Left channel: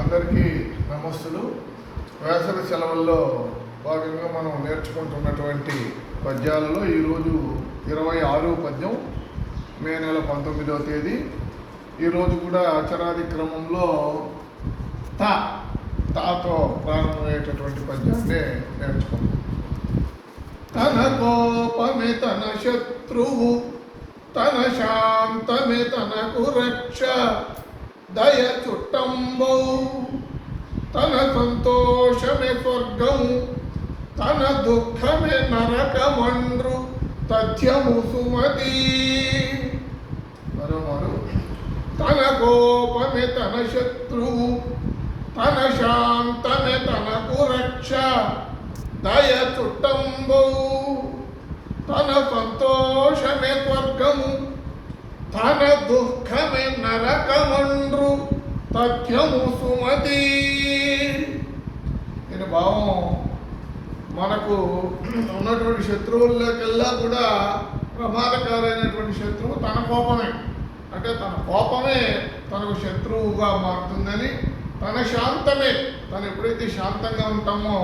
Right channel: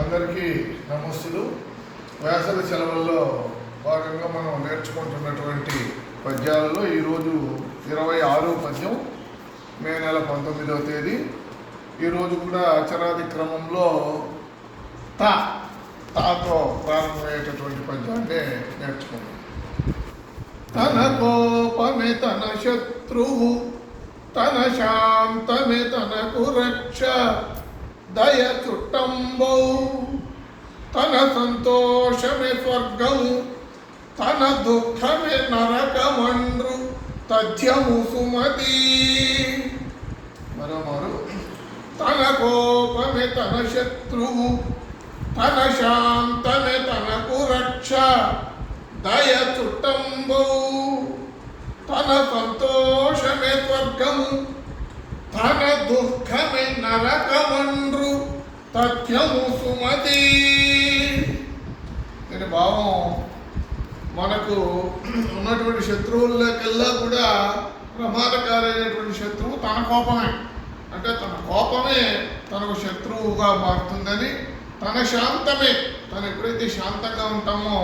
అందరికీ నమస్తులు. వేసవి సెలవుల్లో భాగంగా మనం నేర్చుకుంటున్నటువంటి పద్యాలలో ఈరోజు 26 పద్యం, మే నెల 19వ తేదీ. ఈరోజు కూడా అచరాది క్రమంలో తాతో ప్రారంభమయ్యేటటువంటి పద్యాన్ని నేర్చుకుంటాం. తన కోపమే తన శత్రువు, తన శాంతమే తనకు రక్ష, దయ చుట్టంబౌ, తన సంతోషమే స్వర్గము, తన దుఃఖమే నరకమండ్రు తథ్యము సుమతి. మరోమారు. తన కోపమే తన శత్రువు, తన శాంతమే తనకు రక్ష, దయ చుట్టంబౌ, తన సంతోషమే స్వర్గము, తన దుఃఖమే నరకమండ్రు తథ్యము సుమతి. దీని భావం, మనకు ఉన్నటువంటి శత్రువులకల్లా కూడా ప్రమాదకారైనటువంటి శత్రువు తన కోపమే. అంటే తన కోపమే తనకు శత్రువుగా మారుతుందని, తన శాంతమే, తను ఎప్పుడైతే శాంతంగా ఉంటామో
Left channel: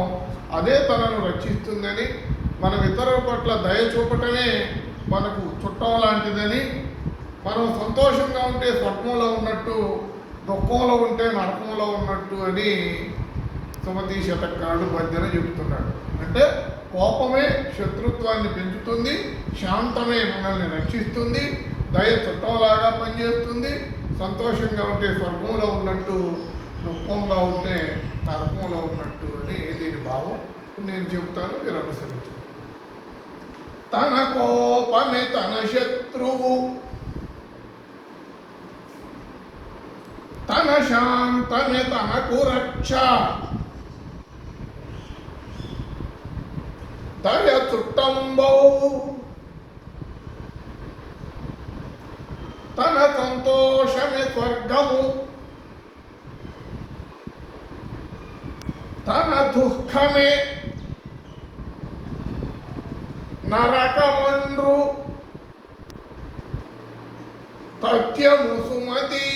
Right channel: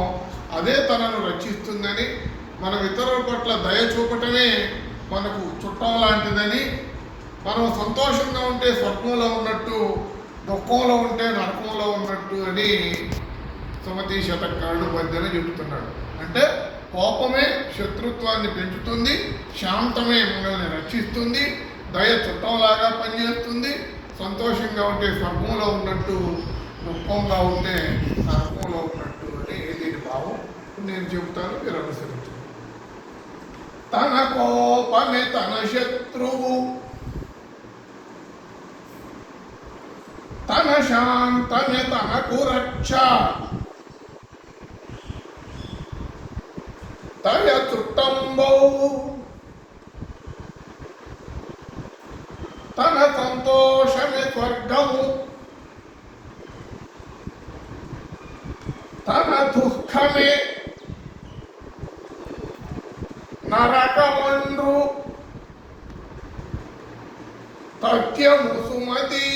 అదే తనను రక్షిస్తుందని, మనం ఇతరుల పట్ల దయ చూపటమే మనకు చుట్టం లాంటిదని, మనం సంతోషంగా ఉంటే స్వర్గంలో ఉన్నట్టు, దుఃఖంలో ఉంటే నరకంలో ఉన్నట్టు అని సుమతి శతకారుడు పద్యన చెబుతున్నాడు. అంటే కోపమే శత్రుత్వాన్ని పెంచుతుంది, శాంతమే మనల్ని రక్షిస్తుంది, దయ చుట్టంలాగా పనిచేస్తుంది. సంతోషంగా ఉంటే స్వర్గంలో ఉన్నట్టు, దుఃఖంగా ఉంటే నరకంలో ఉన్నట్టు అని దీని భావం. నేను చెబుతాను, మీరు అనుసరించండి. తన కోపమే తన శత్రువు, తన శాంతమే తనకు రక్ష, దయ చుట్టంబౌ, తన సంతోషమే స్వర్గము, తన దుఃఖమే నరకమండ్రు తథ్యము సుమతి.